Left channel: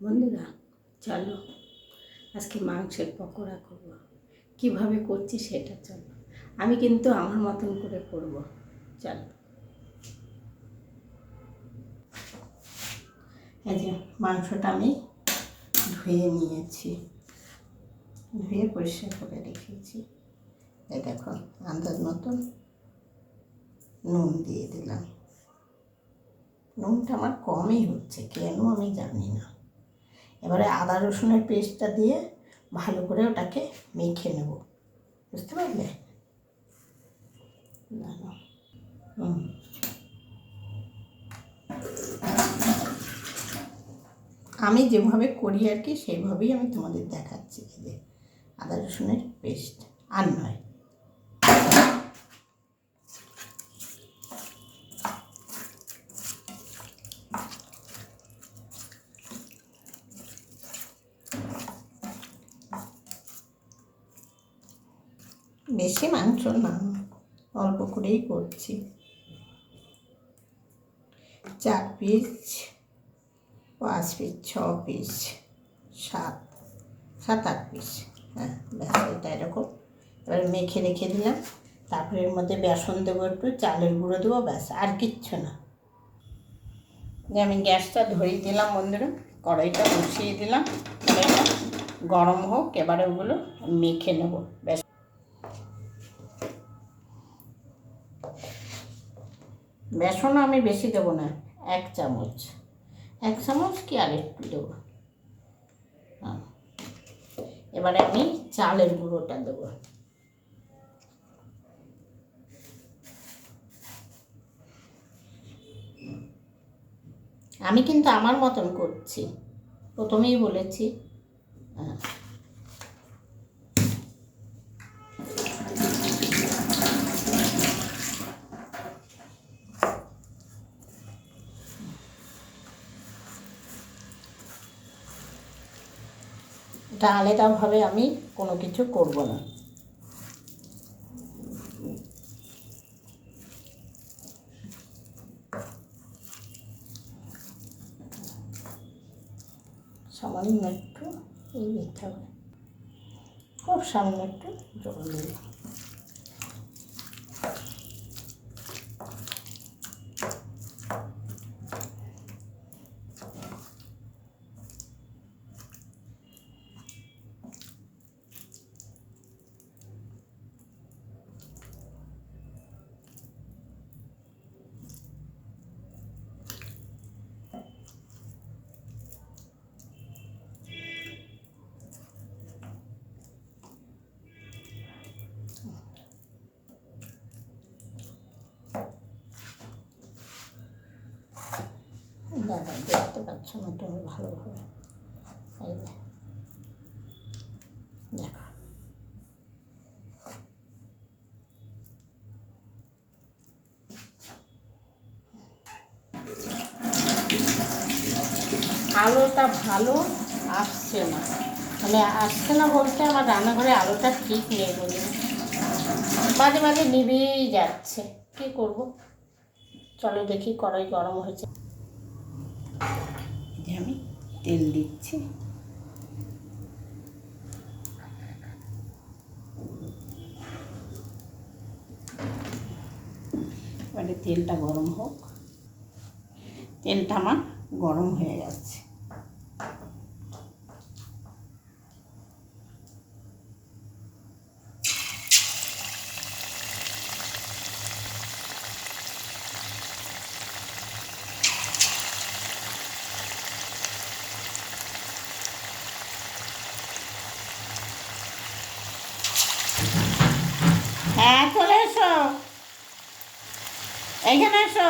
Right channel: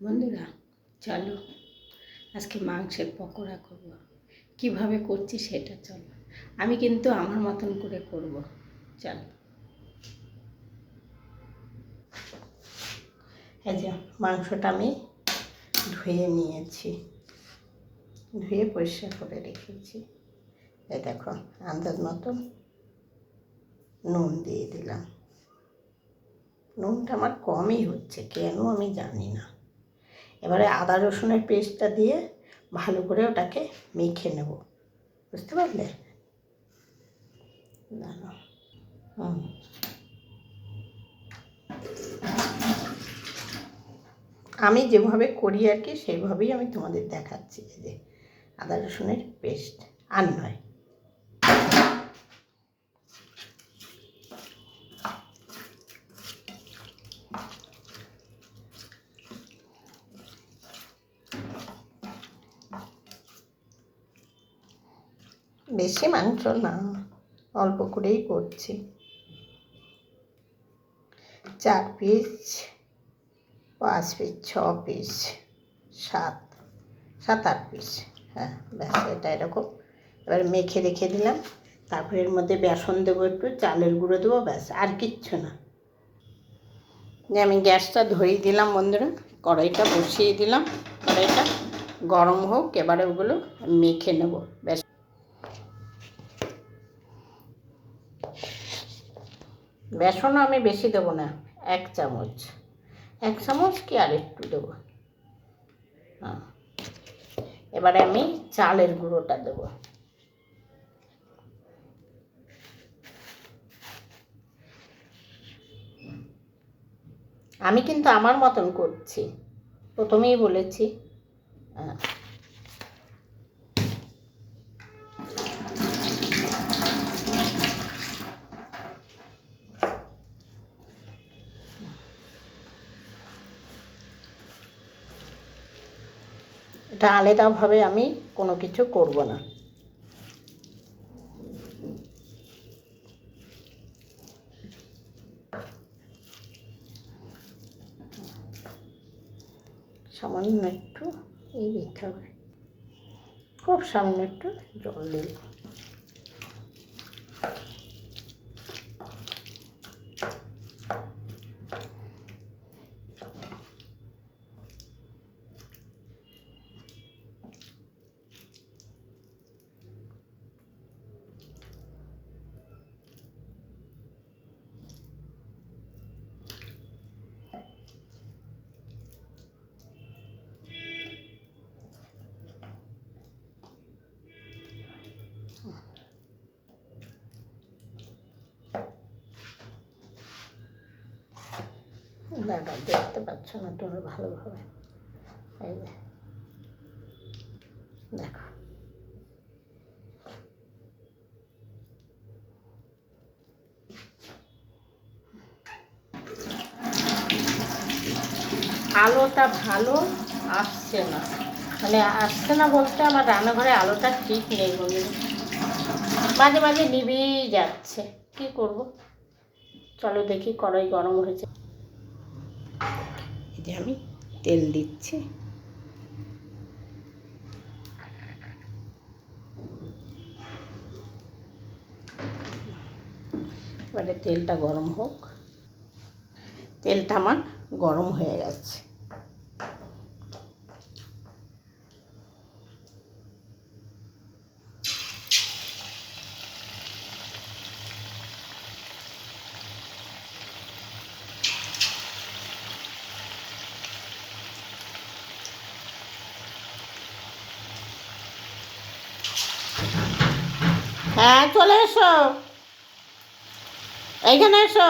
বন্ধুরা, চলো আজকে মাংসের পকোড়া করব। কিভাবে করছি সেটা চলো, আমি কিন্তু আমার মতন করে করব। চলো। এই যে মাংসটা আমি ধুয়ে নিয়েছি, ধুয়ে পরিষ্কার করে রেখেছি। এই দেখো, আন্দাজ মতন নুন দিয়ে দিলাম। নুনটা আমার কমই হচ্ছে, কেন আমি জানি না। এবারে আদা রসুনের পেস্টটা দিয়ে ভালো করে ওটাকে মেখে নেব, বুঝতে পারলে? আমি যেভাবে করি আর কি, সেইভাবেই আমি তোমাদের দেখাচ্ছি। যে আদা রসুনের পেস্ট আর নয়। বেশি মাংস না, অল্প করেই করছি। 4 পিস, 5 পিস, 6 পিস, 7-8 পিস। হ্যাঁ, ব্যাস এটা এরকম। এবার মেখে রেখে দিলাম। তারপরে এর মধ্যে বেসন দেবো, একটু চালের গুঁড়ো দেবো, ব্যাস আর কিচ্ছু না। যে আমি গ্যাসটা ধরিয়ে দিলাম বন্ধুরা, কড়াইটা বসিয়ে দিলাম। কড়াইটা গরম হোক, এবারে ওগুলো মেখে নেব। ব্যাস, বেসনও আমি বেশি দেবো না, 1 চামচ, 1 চামচ কি আর একটু দেবো। হ্যাঁ, এবারে আমি চালের গুঁড়োটা দেবো। আমি কিন্তু আমার মতন করছি, প্রথমেই বলেছি। হ্যাঁ, এটা আলাদাভাবে আমি কোনো কিছু করব না। সামান্য একটু এই দিতে হবে, খুব সামান্য একটু জল দিই। দাদা দেখতে পাচ্ছ না তুমি ভালোভাবে? এই দেখো, আলোটা ভালো আসছে না, মানে আসছে না বলতে আমার রান্নাঘরে আলোটা ঠিক নেই বলে, মাঝে মাঝে নিভেই যাচ্ছে। কী করব? চলো দেখি, কড়াই গরম হয়েছে। এই যে আমি তেল দিচ্ছি। এবারে তেলটা গরম হোক। তেলটা আমার গরম হয়ে গেছে। হ্যাঁ, চলে এসো, এইখানে এসো।